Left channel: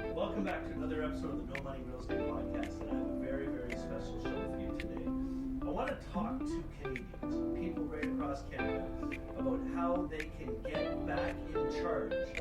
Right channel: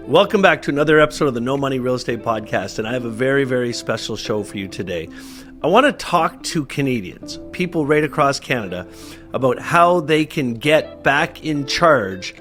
Welcome back to another episode of the No Money Real Estate Podcast, and I have a very, very special show for you today. I want to talk to Canadians, people right across Canada, about how they can get back in charge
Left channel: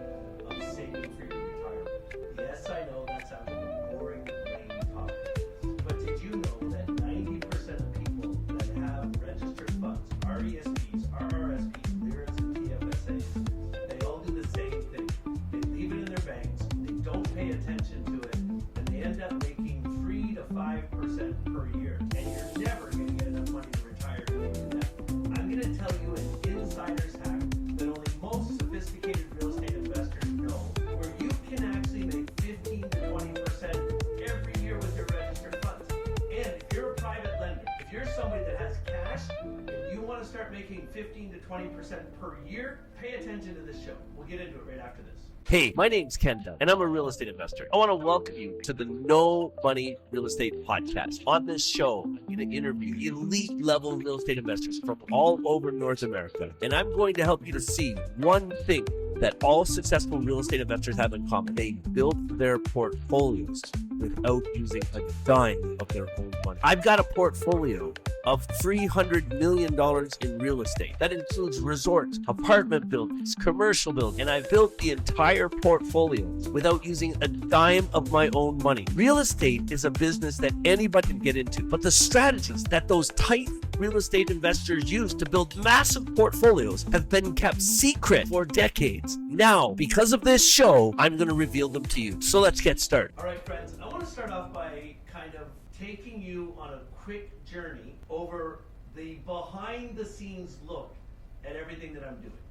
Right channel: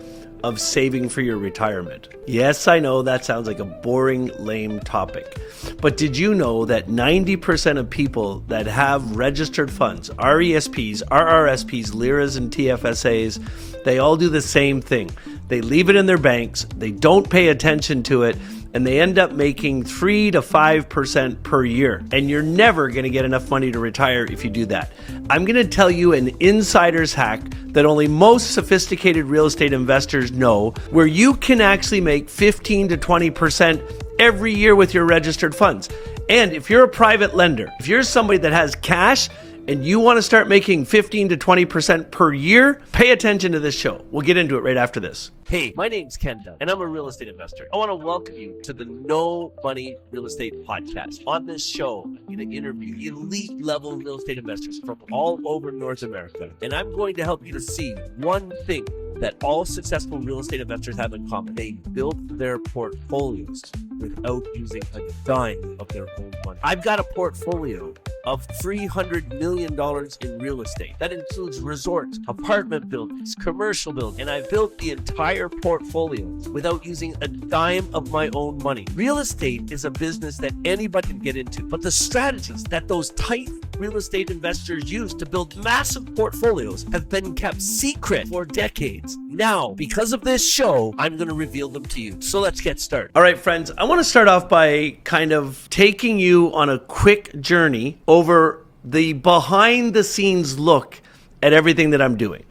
of saving for your retirement. Yes, I know that sounds like a boring, lame topic, but did you know that 90% of people that have registered funds, RESPs, RRSPs, LIRAs, and TFSAs, they all do the same thing. They leave it in their banks, they don't pay attention to it, and they end up making 3 to 5% per year. And you're never going to get enough money to retire if you do that. I'm going to tell you an insider's hack that only most sophisticated real estate investors know, where you can actually make 15 to 20% every year with your registered funds. And if you're a private lender, if you're somebody that has cash and you want to start making 15 to 20% per year, pay attention to this show. We'll get into it right after this. Hey, my name's Ken Dunn, and I'm a real estate investor. I want to welcome you to the No Money Real Estate Podcast. On this show, I'm going to interview elite level real estate investors from all over North America. And I'm going to help you to see one thing that all successful real estate investors have in common. They built their portfolios without using a dime of their own money. I've got a portfolio of $300 million in real estate. That includes resorts, apartment buildings, commercial buildings, and I've built the entire portfolio without using a dime of my own money. Real estate is a business that anybody can get into, but the strategies that those tight real estate investors use to build massive portfolios have been kept secret for decades. Now, because of this show, I'm going to reveal them to you. So let's get started. All right, friends, I want to start off by kind of taking you on a quick journey over the behind the scenes look at everything that I'm doing.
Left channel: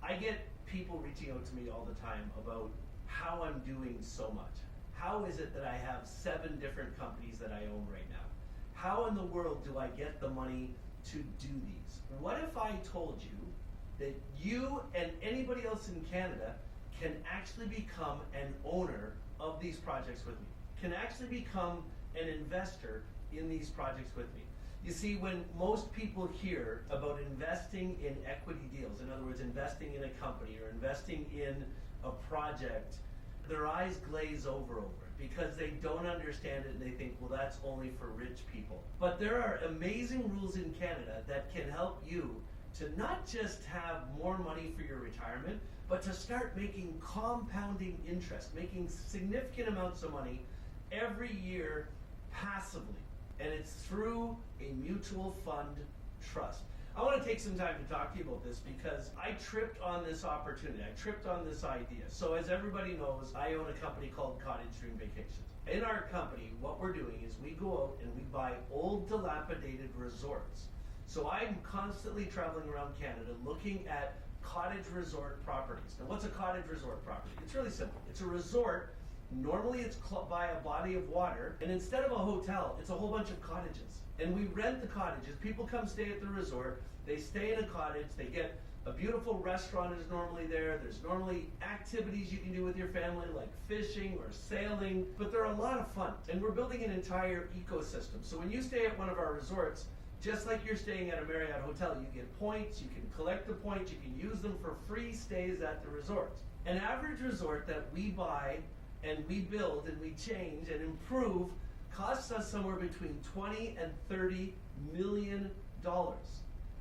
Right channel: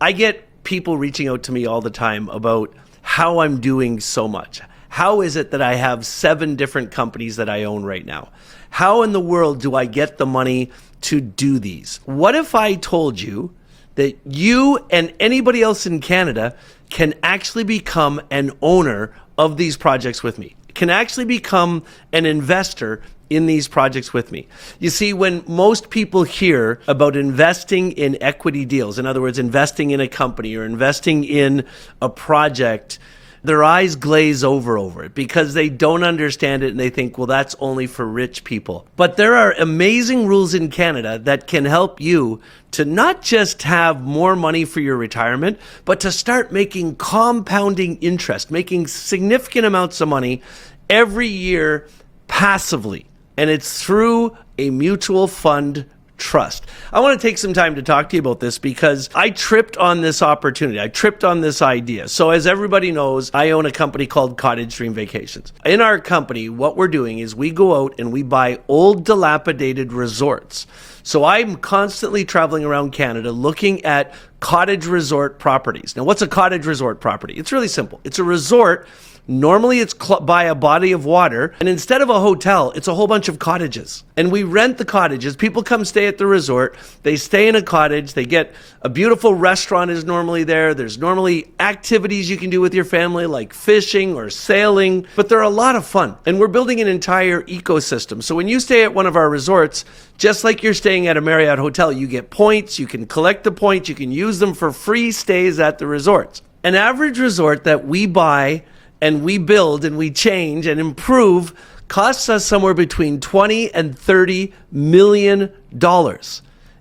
I get people reaching out to me all the time about how I'm doing so much. How is it that I have 7 different companies that I own right now? How in the world do I get the money to do these? What if I told you that you and anybody else in Canada can actually become an owner of these projects with me, can actually become an investor in these projects with me? You see, when most people hear about investing in equity deals, in other words, investing in a company or investing in a project, their eyes glaze over it because they don't understand it and they think, well, that's only for rich people. But there are amazing rules in Canada that can help you to not just have more money for your retirement, but to start making compounding interest, making significant amounts of money every year passively. And it's through a mutual fund trust. I want to take some time to talk to you about this because I tripped on this opportunity. I tripped on this idea. So as everybody knows, I own a company called Cottage Dream Vacations. In our company, what we're doing is we go out and we buy old dilapidated resorts. So I'm constantly traveling around Canada looking at cottage resort properties. Now, what's a cottage resort property? It's really simple. It's a resort. Normally it's by a body of water, and instead of a hotel, it's a whole bunch of cottages. And we rent the cottages. People come stay at the resort. They stay in a cottage. They get a beautiful restaurant is normally there. There's normally activities you can do with your family like fishing or sailing, but they're a lot of fun. And we're building an entire ecosystem. So when you stay at one of our resorts, just like you're staying at a Marriott hotel, you get points, you can collect the points, you can use them for free stays at the resorts. An average resort that we buy and we build and we change and improve costs us somewhere between $20 and $30 million.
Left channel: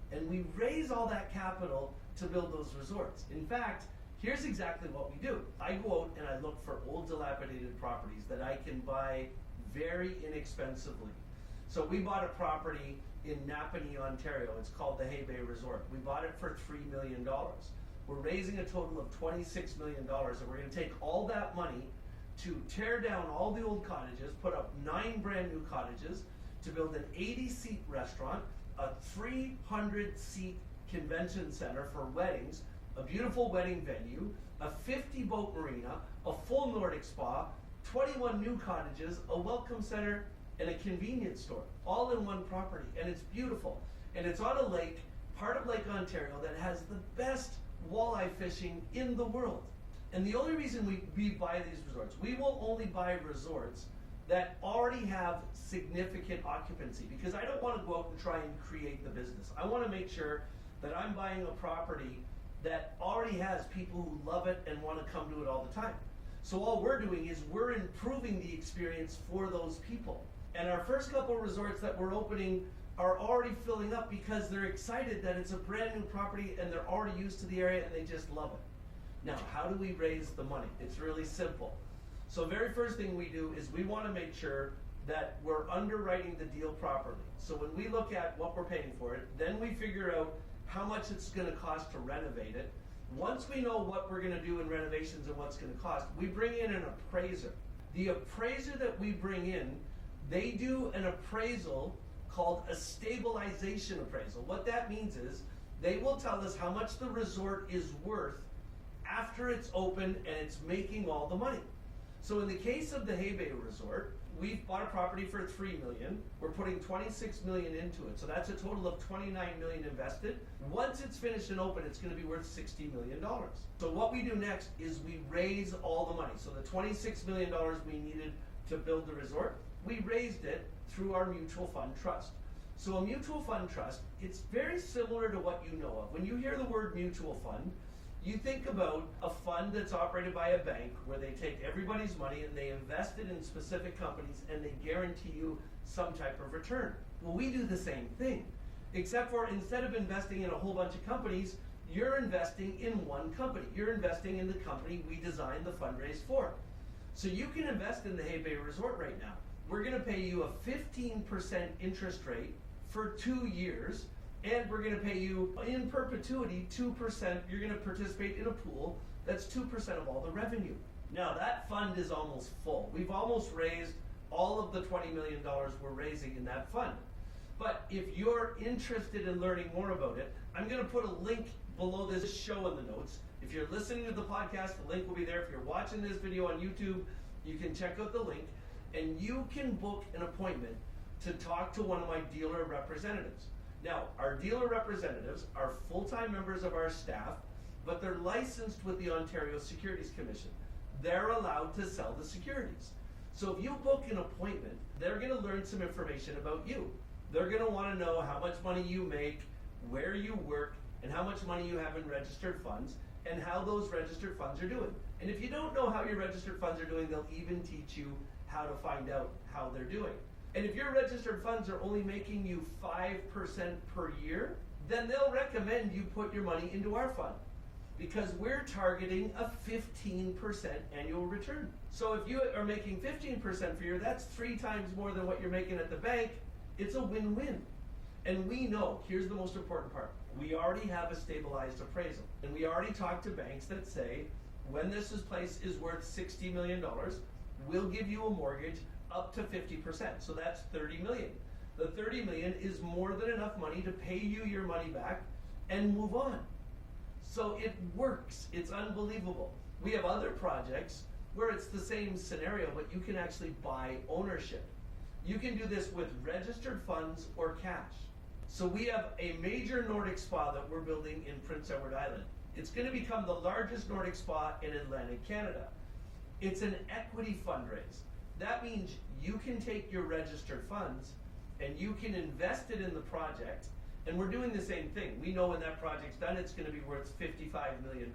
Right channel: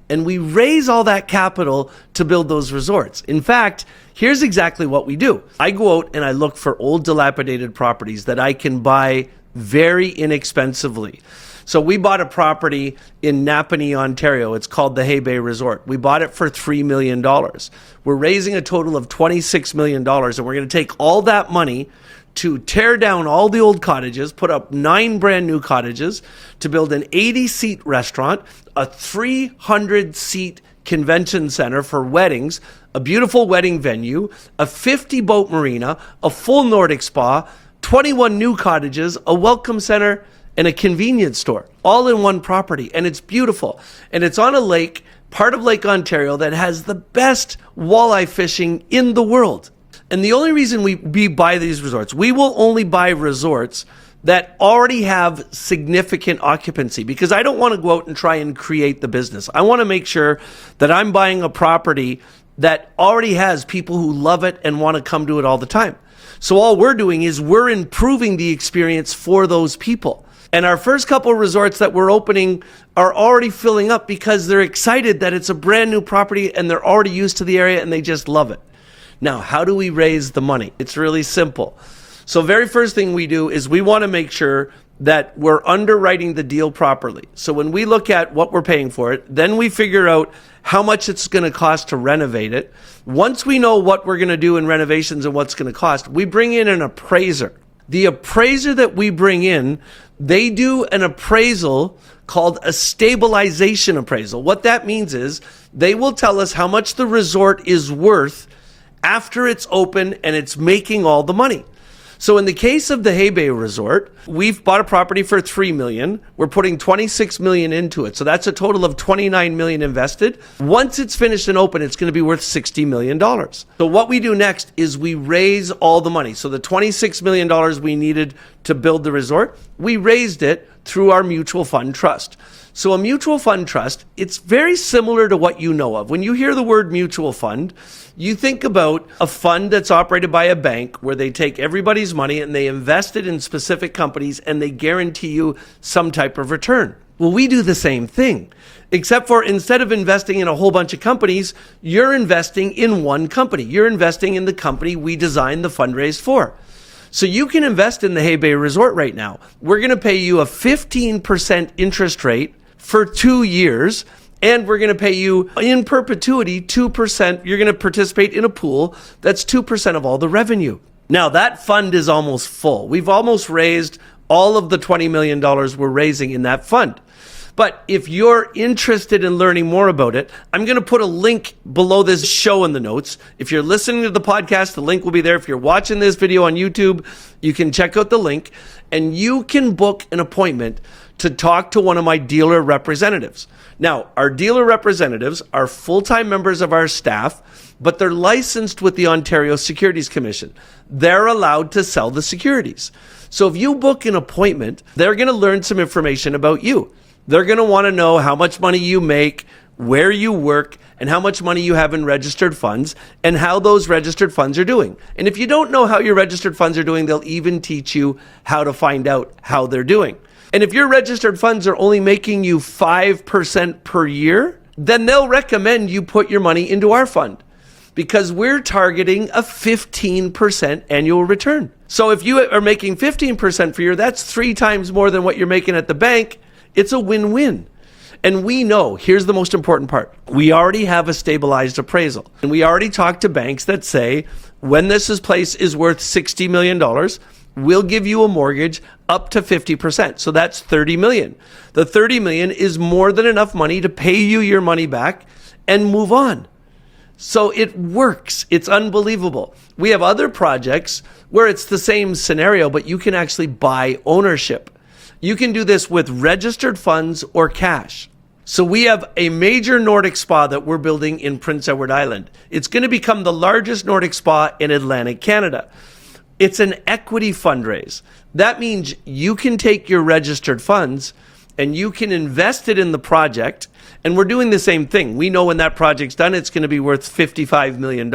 And we raise all that capital to build those resorts. In fact, here's exactly what we do. I go out and I look for old dilapidated properties that I can buy very inexpensively. So we bought a property in Napanee, Ontario. It's called the Hay Bay Resort. We bought it for $3 million. We're raising a total of $26 million, and we're going to take all that money to tear down all the old cottages, put up 9 brand new cottages, to build an 80-seat restaurant, a 300-seat convention center for weddings, a beautiful wedding venue, a 50-boat marina, a full Nordic spa, 21 new cottages, a welcome center, and a convenience store, all in one property. And it's beautiful. And it's on a lake, part of Lake Ontario, that has the best walleye fishing in the world. And the only reason we buy these resorts, we will only buy resorts that already have significant occupancy, because I don't want to go out and try and create the business. I want to make sure that I'm buying a property that already has people who love it and want to come to it all the time. So all we're doing is we're improving the experience for those people. And our first couple of resorts that we're opening are already filling up because they're excited that it's a brand new property and they're already used to the area and they just love it. Now, how do we raise the money? It's really simple. So very first thing we do is we want to make sure that we're underwriting the deal properly. So when we look at what we're paying for it, then we figure out how much it's going to cost to renovate it. Once we know what we're going to do in renovations and what's going to cost, we bring in an appraiser. The appraiser that we bring in, they do an appraisal called a stabilization appraisal. What that means is they will tell us how much the resort is worth after it's open and it's making all the money. So in the case of the Hay Bay Resort, we've bought a property for $3 million. We're putting $26 million into it. So that's a total of $29 million invested. Once it's finished and open, it's going to be worth $60 million. So what we do next is we raise all the money. So the $26 million we needed to build the resort, we raised it through our mutual fund trust. So a mutual fund trust, it's very similar to what you know of. When you hear the word mutual fund, you think about a fund that's operated by a bank where they take everybody's money and they invest it in specific companies and they guarantee you some type of return. Well, we do the same thing, except for instead of investing in a whole bunch of companies, you're investing in one company. You're investing in the company we designed the fundraise for. So you can invest in the Hay Bay Resort right now. We're going to pay you a 15% interest rate for 2 years, and we're going to pay you in perpetuity 2%. You're going to participate in a pool that's 2% of all the revenue. Now that fund is almost full. We've almost raised all of the $20 million we're raising in that fund. But if you're interested in learning more about it, I'm going to put a link below this show in the notes. If you're listening to the podcast, the link will be there. If you're watching this video on YouTube, you can check out the link and you can book an appointment to talk to one of my dealer representatives. Now, our dealer representatives are full-time members of our staff, but they're licensed with the Ontario Securities Commission. They're allowed to sell the securities. So if you book an appointment, they're going to learn some information about you. They're going to want to know how much money you make, where you work, and how much money you have in registered funds, and how those registered funds are doing. And if you don't know how your registered funds are doing, they'll even teach you how to find out how they're doing. And if your registered funds are only making you 5% per year, then they'll recommend you put your money into our fund because we're targeting a 15% annual return. So if you are making 15% per year, that's 3 times more than what you're making at the bank. It's a win-win. And we know, here's the most important part. We already have a stabilized appraisal. And we already talked to banks that say, when this place is worth $60 million, we'll give you a mortgage up to 50%. So that's $30 million. The $30 million is more than enough money to pay you your money back and move on. So it works. It's unbelievable. We have other projects where it's the same scenario, but you can actually buy ownership. You can do this with registered funds or cash. So we have a major Nordic spa that we're building in Prince Edward Island. It's going to become the largest Nordic spa in Atlantic Canada. It's an equity fundraise. That means you can take your registered funds and you can invest it in the project. And we're doing the same thing. We know when that project's done, it's going to be worth $55 million.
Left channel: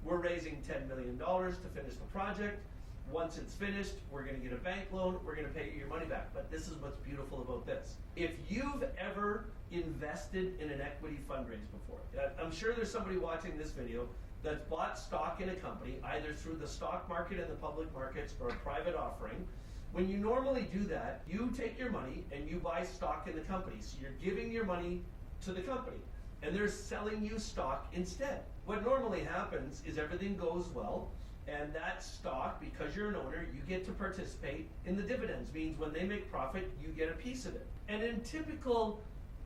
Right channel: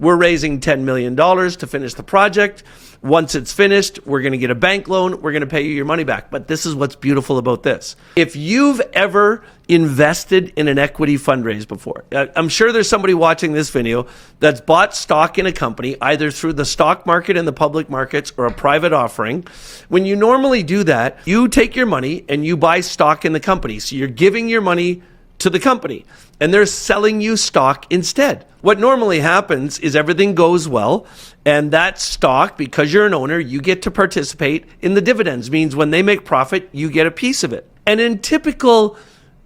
We're raising $10 million to finish the project. Once it's finished, we're going to get a bank loan. We're going to pay you your money back. But this is what's beautiful about this. If you've ever invested in an equity fundraise before, I'm sure there's somebody watching this video that's bought stock in a company, either through the stock market in the public markets or a private offering. When you normally do that, you take your money and you buy stock in the company. So you're giving your money to the company and they're selling you stock instead. What normally happens is everything goes well, and that stock, because you're an owner, you get to participate in the dividends. Means when they make profit, you get a piece of it. And in typical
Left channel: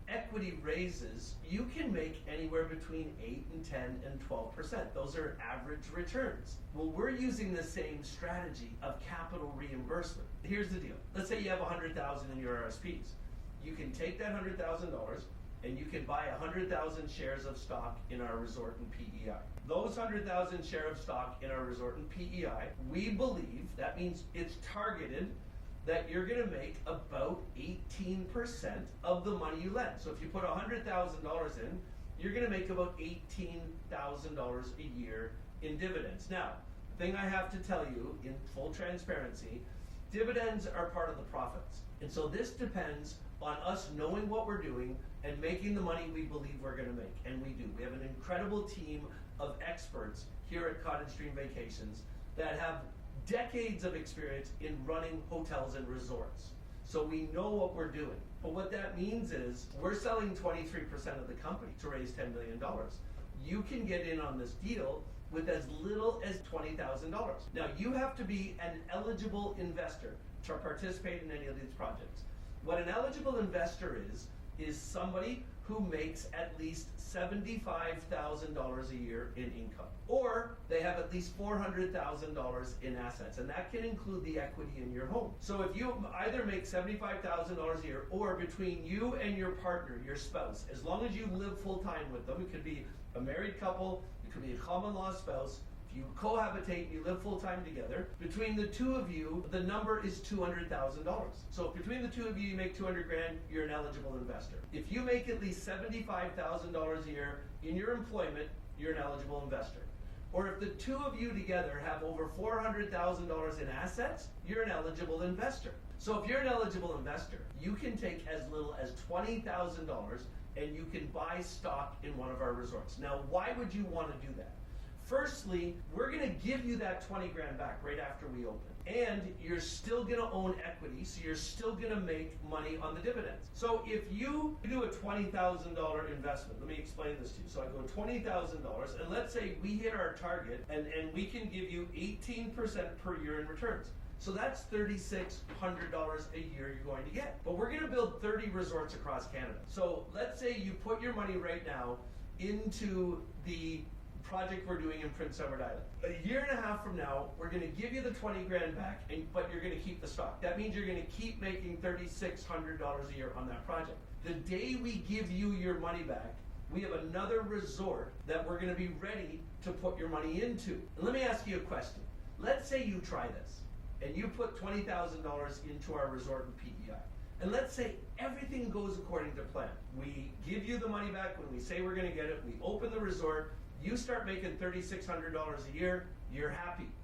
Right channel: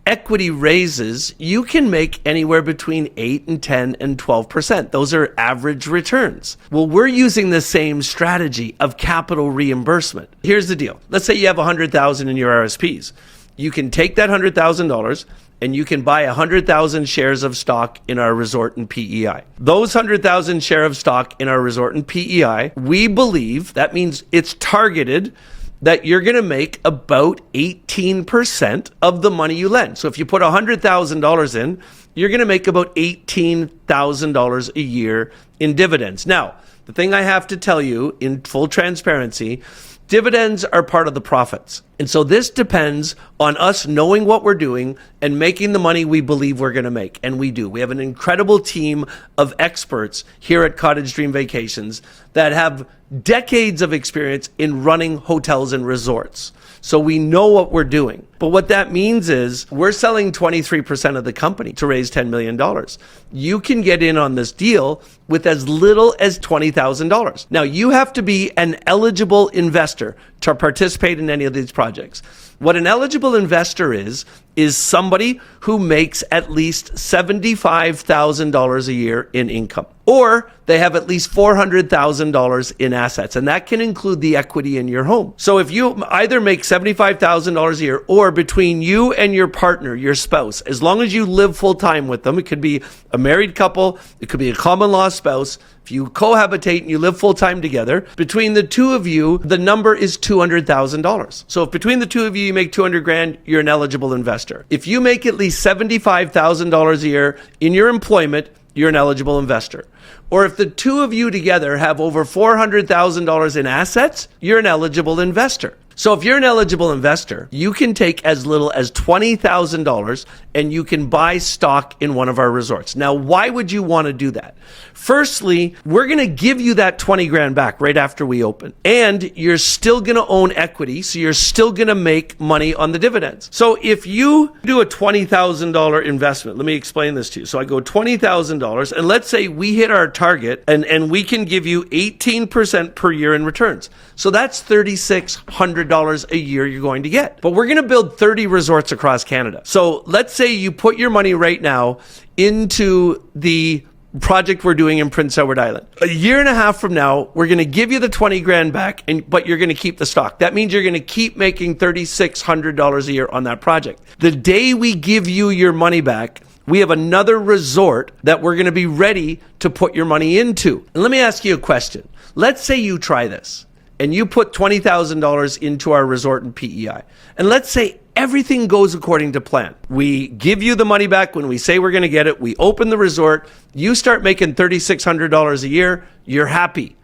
equity raises, you can make anywhere between 8 and 10 and 12%. Those are average returns. Well, we're using the same strategy of capital reimbursement. Here's the deal. Let's say you have $100,000 in your RSPs. You can take that $100,000 and you can buy 100,000 shares of stock in our resort and PEI. Those 100,000 share of stock in our resort and PEI, we believe that means it's targeted that you're going to make about 18% of the money you lend. So if you put $100,000 in, you're going to make about $18,000 a year in dividends. Now, the thing I have to tell you in full transparency, dividends are part of the profits. And so this depends on us knowing what we're doing and making the money we believe we're going to make. And we do. We have an incredible team of experts here at Cottage Dream Vacations that have decades of experience in running hotels and resorts. So we know what we're doing. But what that means is we're selling 23% of the company to raise $10 million. You can get in on this deal with as little as $20,000. Now, you have to be an eligible investor to participate in any of these projects. What an eligible investor is somebody who makes at least $75,000 a year in income, or they have at least $400,000 in assets, and that can include the equity in your home. So if you either make $75,000 a year, or between you and your partner, your spouse, as long as you live full time with them, it could be a married couple, it could be a common law spouse. If you cohabitate and you live full time together, between the two of you, the number is $200,000. So if between the two of you, you make 200 grand, you're an eligible investor. If you make at least $75,000 a year in your employment, you're an eligible investor. Or if the two of you together have over $400,000 in assets, you're an eligible investor. So if you're an eligible investor, you can take as little as $20,000 and you can buy stock in one of our resorts. Now, why would you want to do that? Firstly, we're going to give you that 20 grand back right after we open. And you're still going to own equity, so you're still going to make money on the dividends. So if you do a $20,000 investment, let me explain this to you. So I go $20,000, and let's say we hit our target and we can give you 18% per year in returns. So that's $3,600 a year you're going to get. But we're going to build 30 resorts across Canada. So let's say you put your money right now into the project we're doing in Prince Edward Island. A year and a half from now, we're going to give you the 20 grand back, but you're going to keep the stock. That means you're going to keep making $3,600 a year on that project. The day we give you your money back, we have another resort that we're going to be ready to put your money into. And let me ask you a question. Let's say you try this and you put $20,000 into our resort in PEI. And let's say everything goes according to plan. We give you the money back when we say we're going to get it. We open the resort. You start making $3,600 a year. You're happy.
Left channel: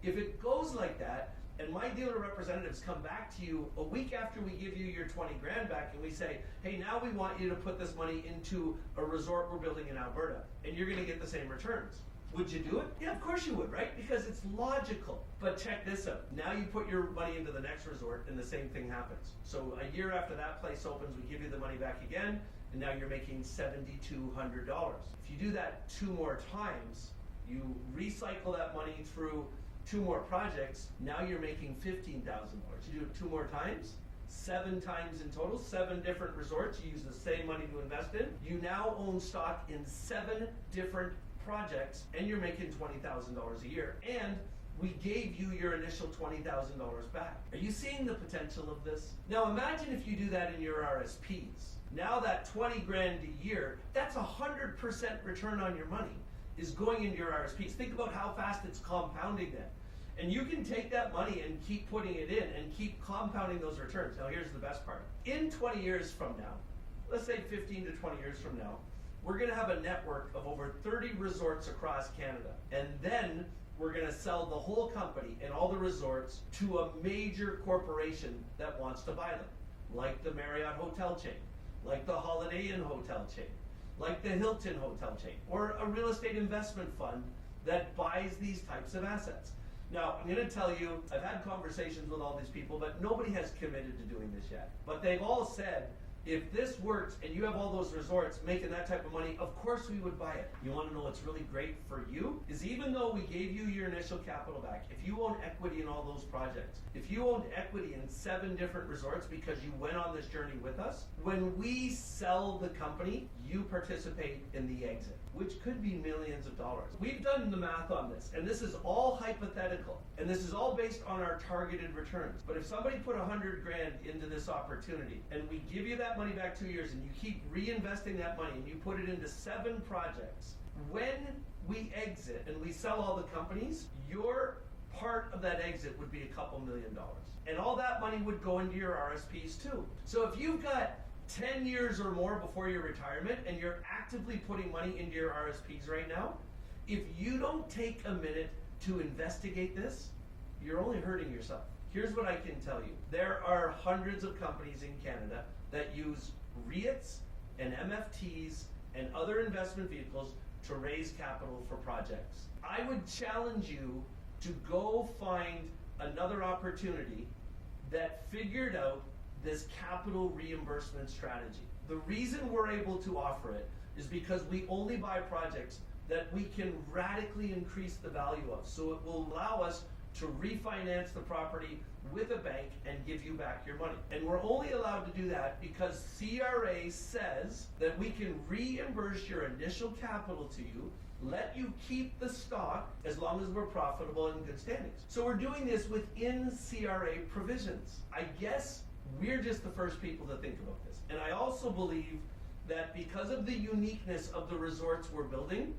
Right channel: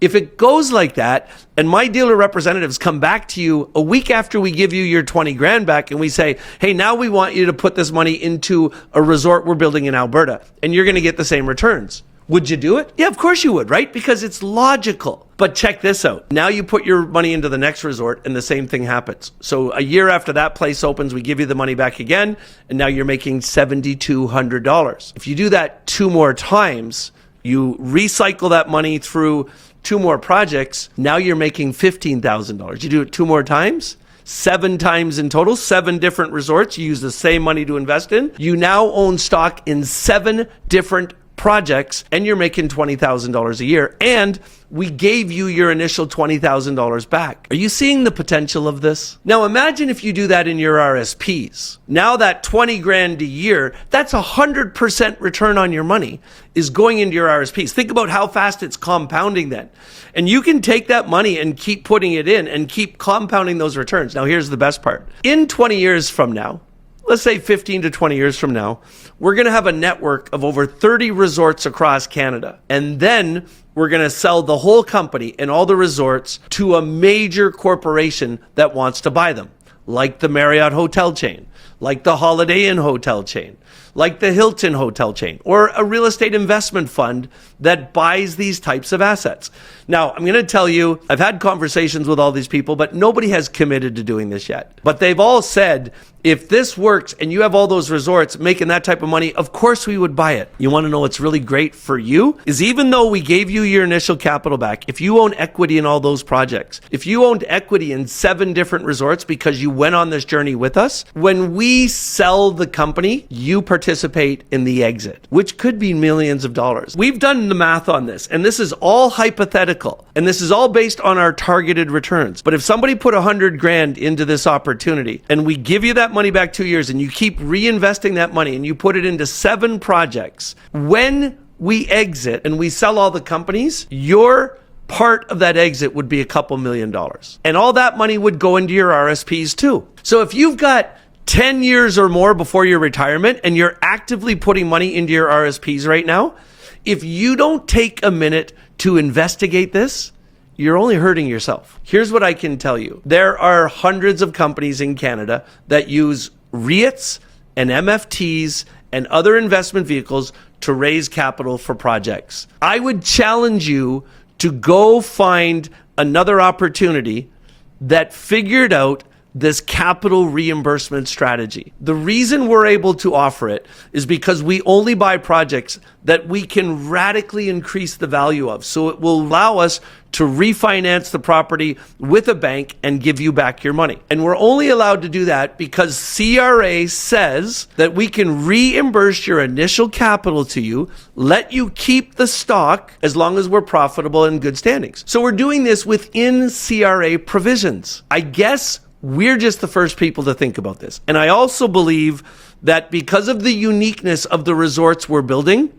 If it goes like that, and my dealer representatives come back to you a week after we give you your 20 grand back and we say, hey, now we want you to put this money into a resort we're building in Alberta, and you're going to get the same returns. Would you do it? Yeah, of course you would, right? Because it's logical. But check this out. Now you put your money into the next resort and the same thing happens. So a year after that place opens, we give you the money back again, and now you're making $7,200. If you do that 2 more times, you recycle that money through 2 more projects, now you're making $15,000. You do it 2 more times, 7 times in total, 7 different resorts. You use the same money to invest in. You now own stock in 7 different projects, and you're making $20,000 a year, and we gave you your initial $20,000 back. Are you seeing the potential of this? Now imagine if you do that in your RSPs. Now that 20 grand a year, that's 100% return on your money is going into your RSPs. Think about how fast it's compounding then. And you can take that money and keep putting it in and keep compounding those returns. Now here's the best part. In 20 years from now, let's say 15 to 20 years from now, we're going to have a network of over 30 resorts across Canada. And then we're going to sell the whole company and all the resorts to a major corporation that wants to buy them, like the Marriott hotel chain, like the Holiday Inn hotel chain, like the Hilton hotel chain, or a real estate investment fund that buys these types of assets. Now, I'm going to tell you, I've had conversations with all these people, but nobody has committed to doing this yet. But they've all said, if this works and you have all those resorts making that type of money, of course we would buy it. You want to know what's really great for you? Is even though we gave you your initial capital back, if you own equity in all those projects, if you owned equity in 7 different resorts because you went on this journey with us, when we sell the company, you participate in the exit, which could be millions of dollars. We've done the math on this, and this is all hypothetical, and this is all based on our targeted returns. But if somebody put 100 grand into this opportunity and we give you that money back 2 years and you keep reinvesting that money and you put it into 7 projects, when we exit and we sell all the companies, your part of that exit would be a couple $1 million. And all that money would go into your RSPs too. So if you've got 10 years or more before your retirement and you're actively putting money into your RSPs right now, if you don't take a minute to investigate this, you're only hurting yourself. Here's what I can tell you. There are hundreds of companies in Canada that use REITs and MFTs and other investment vehicles to raise capital for projects. I would challenge you to go find another opportunity that figured out this capital reimbursement strategy. The reason we're able to offer it is because we only buy projects that we can radically increase the value of. So it will allow us to refinance the property with a bank and give you back your money. And we're only allowed to do that because CRA says that we can reimburse your initial capital to you, let you keep the stock as long as we're profitable and good standings. So we're doing this within CRA provisions. I guess we're just the first people to think about this. And I also believe that because of the uniqueness of the resorts we're building,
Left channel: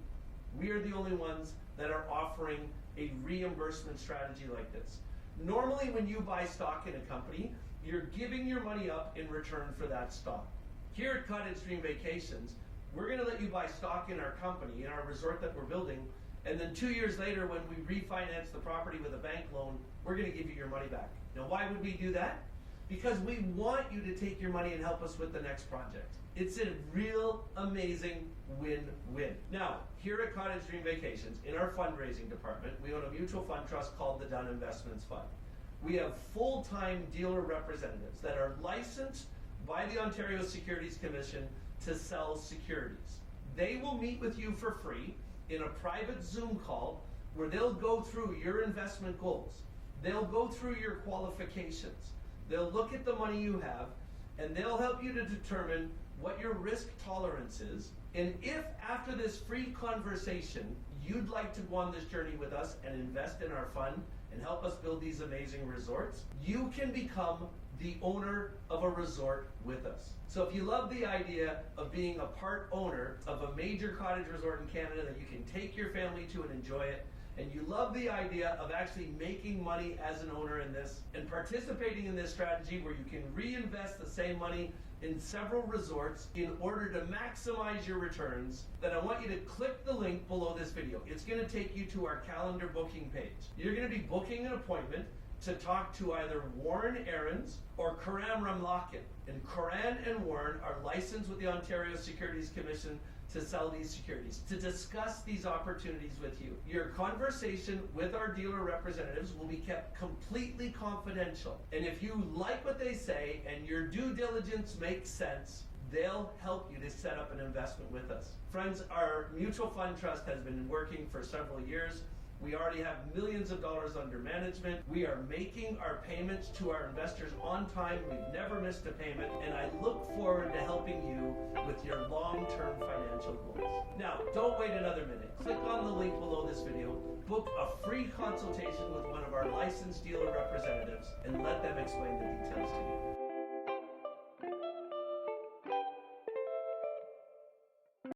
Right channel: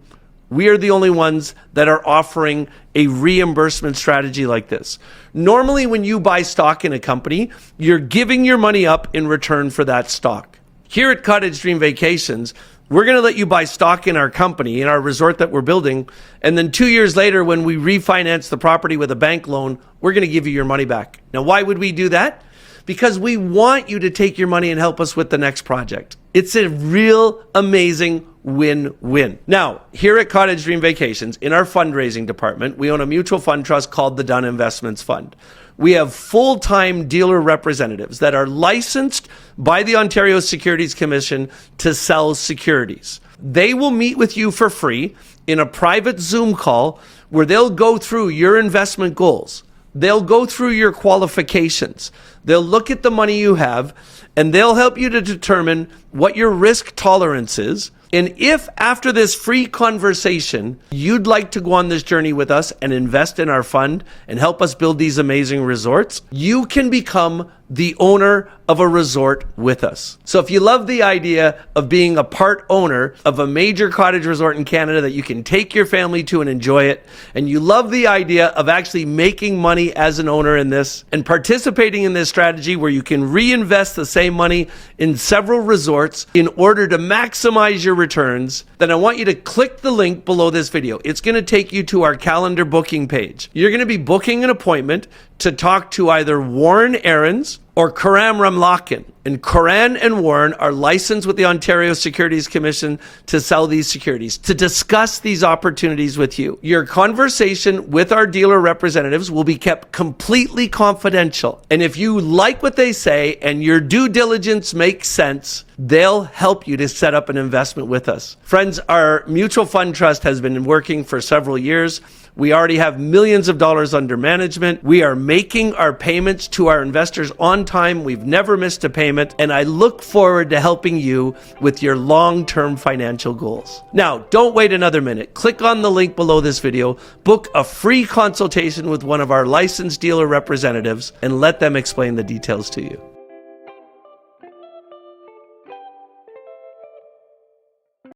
we are the only ones that are offering a reimbursement strategy like this. Normally, when you buy stock in a company, you're giving your money up in return for that stock. Here at Cottage Dream Vacations, we're going to let you buy stock in our company, in our resort that we're building, and then 2 years later, when we refinance the property with a bank loan, we're going to give you your money back. Now, why would we do that? Because we want you to take your money and help us with the next project. It's a real amazing win-win. Now, here at Cottage Dream Vacations, in our fundraising department, we own a mutual fund trust called the Dunn Investments Fund. We have full-time dealer representatives that are licensed by the Ontario Securities Commission to sell securities. They will meet with you for free in a private Zoom call where they'll go through your investment goals. They'll go through your qualifications. They'll look at the money you have, and they'll help you to determine what your risk tolerance is. And if after this free conversation, you'd like to go on this journey with us and invest in our fund and help us build these amazing resorts, you can become the owner of a resort with us. So if you love the idea of being a part owner of a major cottage resort in Canada that you can take your family to and enjoy it, and you love the idea of actually making money as an owner in this and participating in this strategy where you can reinvest the same money in several resorts in order to maximize your returns, then I want you to click the link below this video. It's going to take you to our calendar booking page. You're going to be booking an appointment to talk to either Warren Aarons or Karam Ramlakin. And Karan and Warren are licensed with the Ontario Securities Commission to sell these securities, to discuss these opportunities with you. Your conversation with our dealer representatives will be kept completely confidential. And if you like what they say and your due diligence makes sense, they'll help you to set up an investment with us. Friends, our mutual fund trust has been working for several years. We already have millions of dollars under management. We are making our payments to our investors on time. We've never missed a payment, and I look forward to helping you with your long-term financial goals. Now, don't wait another minute. Click on the link below this video, book a free consultation with one of our licensed dealer representatives, and let them explain the details to you.